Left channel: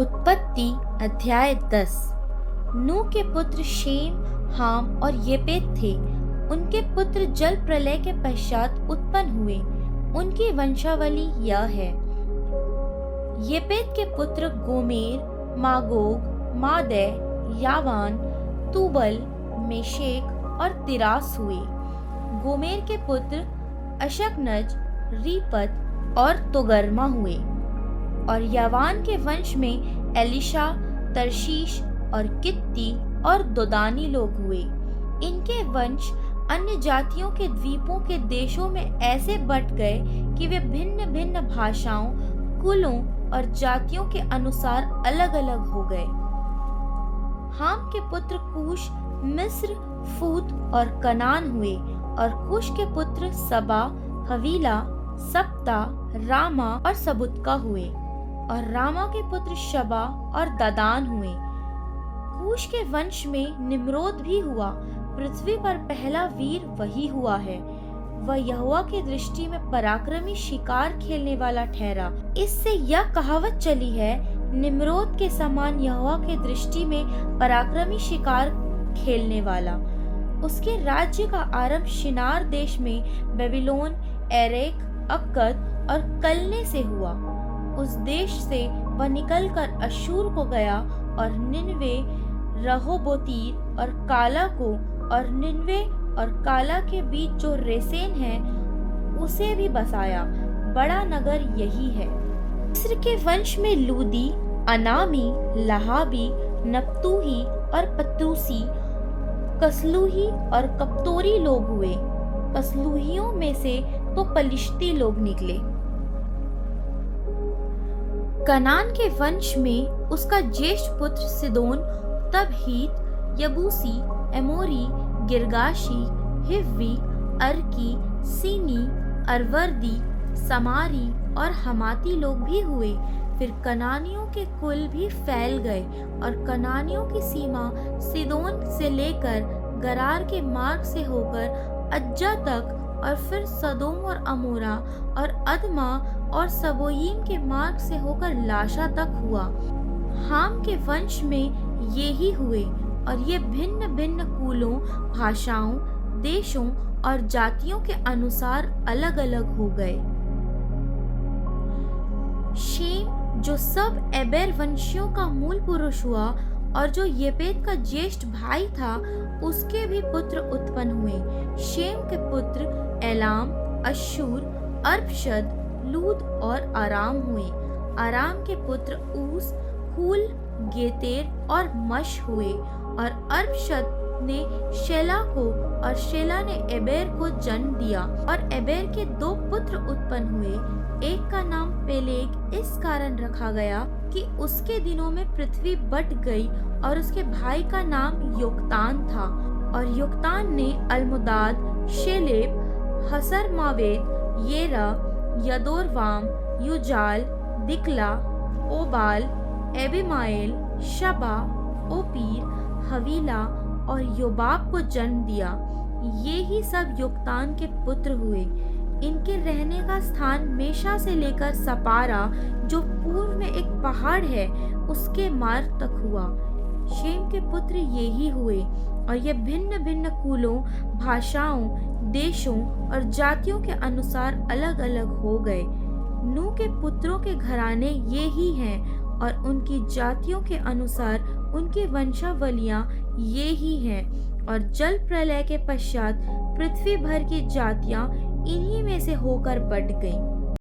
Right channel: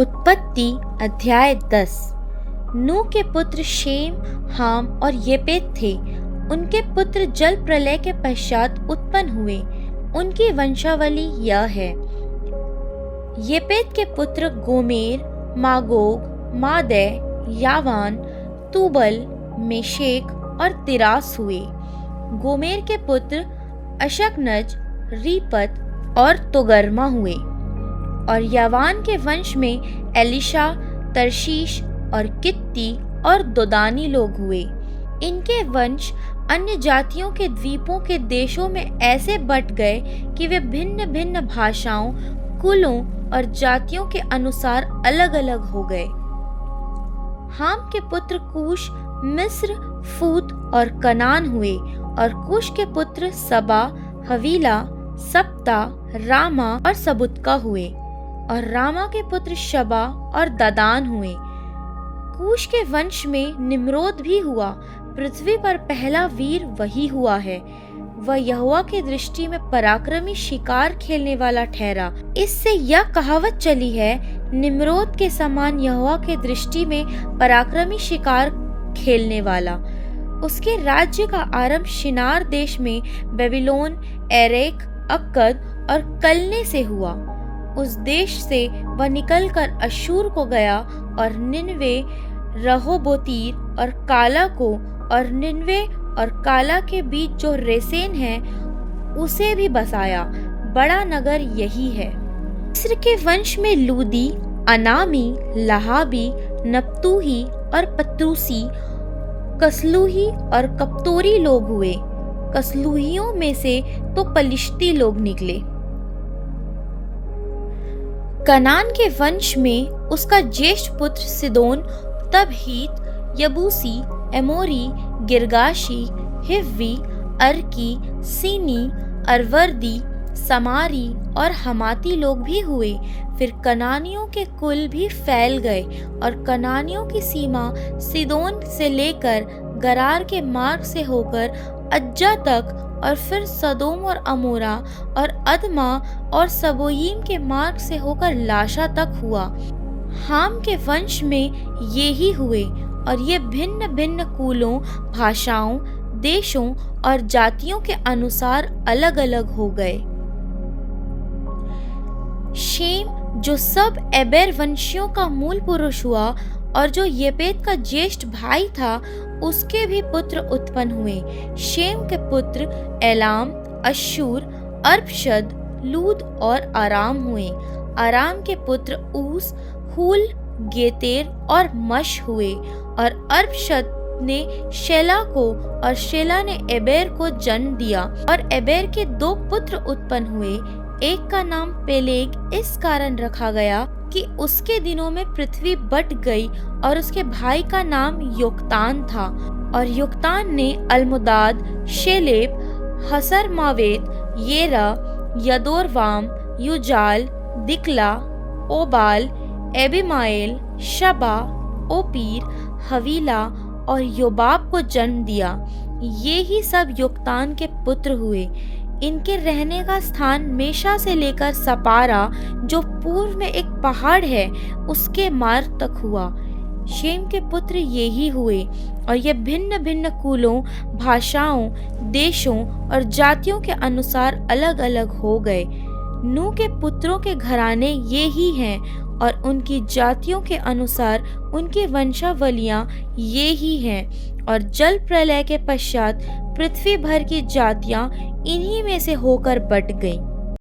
उत्पत्ति अध्याय 10। नूह के पुत्र शेम, हाम और येपेत थे। उनके पुत्र जल प्रलय के पश्चात उत्पन्न हुए। उनकी वंशावली यह है। येपेत के पुत्र गोमेर, मागोग, मादै, यावान, तूबल, मेशेक और तिरास हुए। गोमेर के पुत्र अशकनज, रीपत और तोगर्मा हुए। और यावान के वंश में एलिशा, तरशीश और कित्ती और दोदानी लोग हुए। इनके वंश अन्य जातियों के द्वीपों के देशों में ऐसे बट गए कि वे भिन्न भिन्न भाषाओं, कुलों और जातियों के अनुसार अलग अलग हो गए। हाम के पुत्र कूश, मिस्र, फूत और कनान हुए। और कूश के पुत्र सबा, हवीला, सप्ता, रामा और सबुतका हुए। और रामा के पुत्र शबा और ददान हुए। कूश के वंश में निम्रोद भी हुआ। पृथ्वी पर पहला वीर वही हुआ है। वह यहोवा की दृष्टि में पराक्रमी शिकार खेलने वाला ठहरा। इससे यह कहावत चली है, निम्रोद के समान यहोवा के दृष्टि में पराक्रमी शिकार खेलने वाला। उसके राज्य का आरंभ शिनार देश में बेबीलोन, एरेक, अक्कद और कलने से हुआ। उस देश से वह निकलकर अश्शूर को गया और निनवे, रहोबोतीर और काला को, और निनवे और काला के बीच जो रेसेन है उसे भी बसाया। बड़ा नगर यही है। मिस्र के वंश में लूदी, अनामी, लहाबी, नप्तूही और पत्रूसी, कसलूही और कप्तोरी लोग हुए। कसलूहियों में से तो पलिश्ती लोग निकले। कनान के वंश में उसका ज्येष्ठ पुत्र सिदोन, तब हीत, यबूसी, एमोरी, गिरगाशी, हिव्वी, अर्की, सीनी, अरवर्दी, समारी और हमाती लोग भी हुए। फिर कनानियों के कुल भी फैल गए और कनानियों की सीमा सिदोन से लेकर गरार के मार्ग से होकर अज्जा तक, और फिर सदोम और अमोरा और अदमा और सबोयीम के मार्ग से होकर लाशा तक हुआ। हाम के वंश में ये ही हुए, और ये भिन्न भिन्न कुलों, भाषाओं, देशों और जातियों के अनुसार अलग अलग हो गए। शेम, जो सब एबेर वंशियों का मूल पुरुष हुआ और जो येपेत का ज्येष्ठ भाई था, उसके भी पुत्र उत्पन्न हुए। शेम के पुत्र एलाम, अश्शूर, अर्पशद, लूद और आराम हुए। आराम के पुत्र ऊस, हुल, गेतेर और मश हुए। और अर्पशद ने शेला को, और शेला ने एबेर को जन्म दिया। और एबेर के 2 पुत्र उत्पन्न हुए। एक का नाम पेलेग इस कारण रखा गया कि उसके दिनों में पृथ्वी बट गई, और उसके भाई का नाम योक्तान था। और योक्तान ने अलमुदाद, शेलेब, हसर मावेत, येरा, यदोरवाम, युजाल, दिकला, ओबाल, एबिमाएल, शबा, ओपीर, हवीला और योबाब को जन्म दिया। ये ही सब योक्तान के पुत्र हुए। इनके रहने का स्थान मेशा से लेकर सपारा, जो पूर्व में एक पहाड़ है, उसके मार्ग तक हुआ। शेम के पुत्र ये ही हुए, और ये भिन्न भिन्न कुलों, भाषाओं, देशों और जातियों के अनुसार अलग अलग हो गए। नूह के पुत्रों के घराने ये ही हैं, और उनकी जातियों के अनुसार उनकी वंशावलियां ये ही हैं। और जल प्रलय के पश्चात पृथ्वी भर की जातियां इन्हीं में से होकर बट गईं।